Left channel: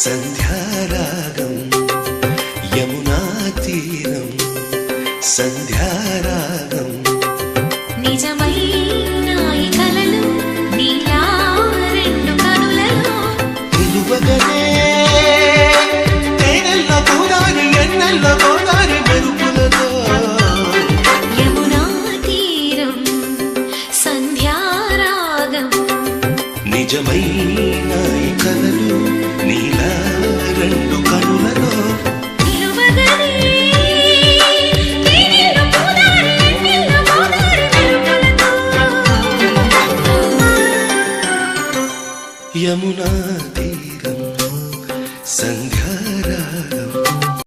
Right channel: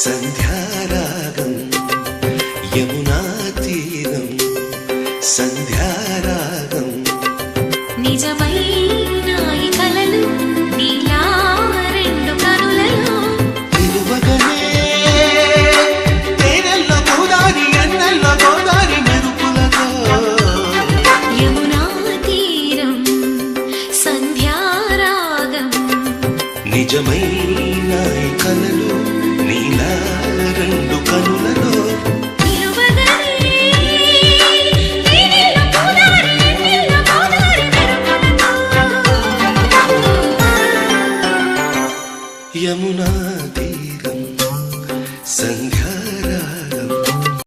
సంధ్యారాగం యమునా తీరం సంధ్యారాగం నిజమైన ఈ కలలు నీలా రెండు కనులలో నిలువగనే తేనెల్లో గోదారి ఎన్నెల్లో గోదారి మెరుపులతో యమునా తీరం సంధ్యారాగం నిజమైన ఈ కలలు నీలా రెండు కనులలో నిలువగనే తేనెల్లో గోదారి ఎన్నెల్లో గోదారి మెరుపులతో యమునా తీరం సంధ్యారాగం